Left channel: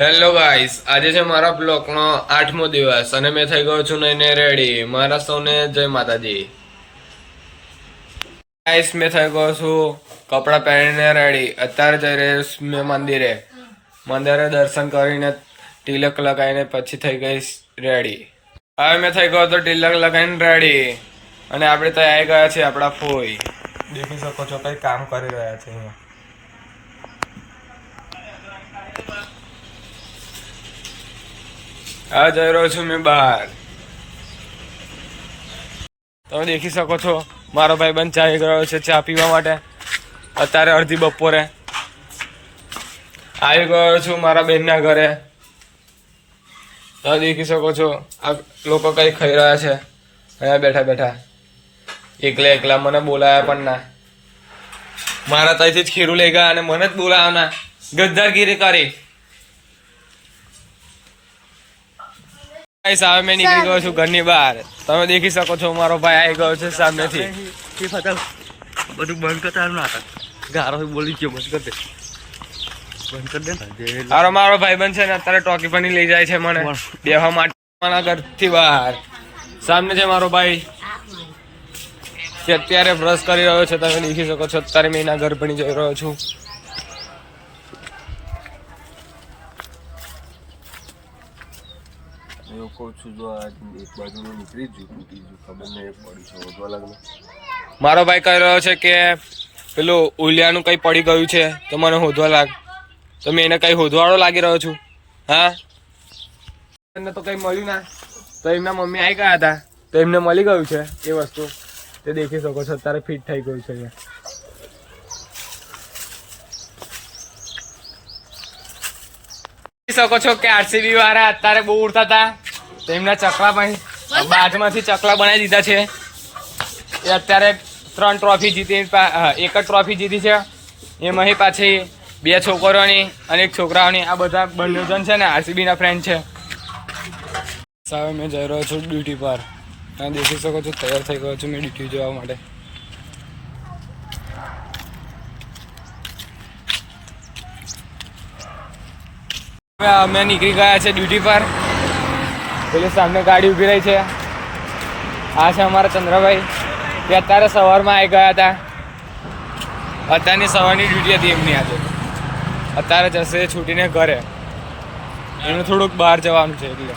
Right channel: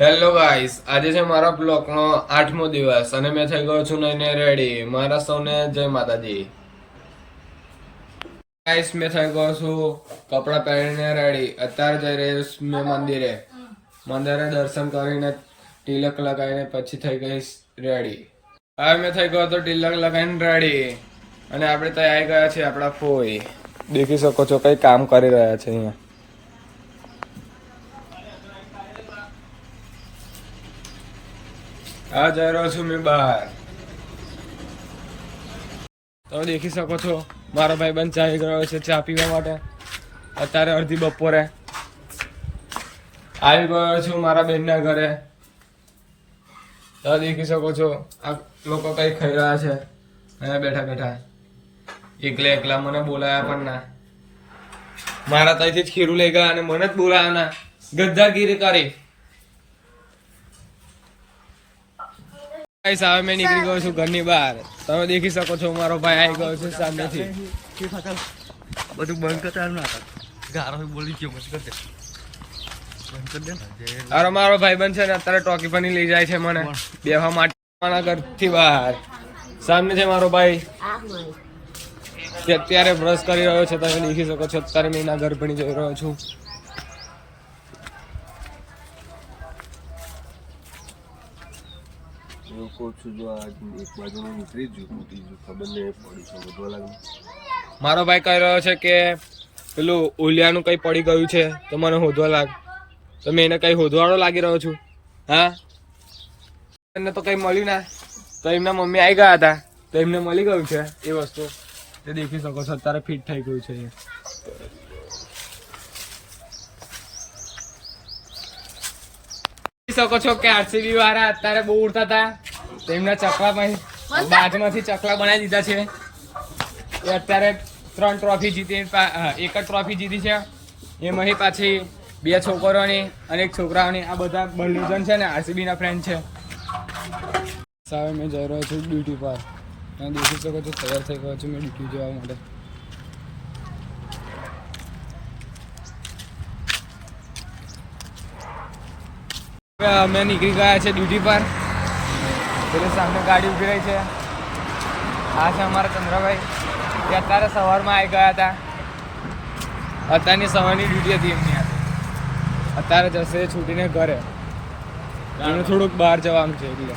Hello guys, આજે છે મારા બ્લોગનો 8મો દિવસ અને મેં થઈ ગયો છું નઈને રેડી. મારા સૌને જય માતાજી. ગાઈસ, મેં થઈ ગયો છું કપડાં પહેરીને રેડી. અત્યારે જઈ રહ્યો છું મેં મંદિરે દર્શન કરીને તિલક લગાવીને પછી થઈ ગઈશ રેડી. હવે મેં થઈ ગયો તો તિલક લગાવીને રેડી અને આપણે ત્યાં આવી ગયા છે આપણા ફોઈ. દેખી શકો છો કઈ કામ કરી રહ્યા છે અહીંયા. આ જઈ રહ્યો છું મેં બહાર. તમે દેખી શકો છો મારો ભાઈબંધ ચા ગયો છે ચા પીવા માટે. અત્યારે અડધી બપોરે આવી ગયો છું મારા બેનના ઘરે. તમે દેખી શકો છો આ લોકો કઈ ખાઈ રહ્યા છે અહીંયા બેઠા બેઠા એકલા એકલા. મને બોલાયા પણ ના. મારા ત્યાંથી જ ખીરું લઈ ગયા અને મને જ બોલાયા ના. ગદ્દારગીરી કરી. સામે મેં નીકળી ગયો છું ઘરની બહાર. તમે દેખી શકો છો મારો ભાઈ આવી ગયો છે સામેથી. બધું બંધ કરતા ગારો બોલી ગયો બંધ કરી દે. અરે મારો ભાઈબંધ છે ને અત્યારે ટોકી પણ લઈ જાય છે મને બેહવા માટે ઘરથી બહાર. સામે છે મારો ભાઈ કે અત્યારે બ્રશ કરી રહ્યો છે. તમે દેખી શકો છો અત્યારે મેં એના ઘર ભણી જઈ રહ્યો છું. એવું કહું છું જો આજ એક બાજુનું નીકળી જ ત્રીજું ખબર નહીં પડી છે વધવા લાગને. મારો ભાઈ કહી રહ્યો છે કે પેલું ઉલિયાનું કઈ પડી ગયું છે તો મને શોધવા લાગ. તો મેં એને કઈ શોધવાળો લાગી રહ્યો છું. હા, એને તો કઈ મળ્યું ના. તો એમના મમ્મી આવી ગયા હતા તો એમને મળી ગયું છે એ વસ્તુ. તે દેખી શકો છો અત્યારે ફિટ થઈ ગયું છે. શકો છો કે આરસીબી વાળા અત્યારે બહુ ઉડતા હતા. તેમના ચકલા બાજમાંથી ચકલા બનાવી દીધા છે. એ અત્યારે 3 ટ્રોફી જીતી, એક જ ટ્રોફી જીતી છે. એમાં પાછી 2 છોકરીઓની અને 1 છોકરાઓની. આ બધા બંને જણ છે ને આરસીબી ના ફ્રેન્ડ છે. સાવે મેં જઈ રહ્યો છું ડ્યુટી પર. તમે દેખી શકો છો તૈયાર થઈ ગયો છું મેં ડ્યુટી જવા માટે. અમે નીકળી ગયા છે ડ્યુટી પર. પેલી સામે ગાડી ઊભી રહી છે. આ છે અમારા ચંદ્રભાઈ. તે અત્યારે સવારમાં આવી ગયા હતા. અત્યારની સવારની ડ્યુટી હતી એમની આજે. અત્યારે જશે છૂટીને ઘરે. એમને થોડુંક બહાર જવાનું છે એટલે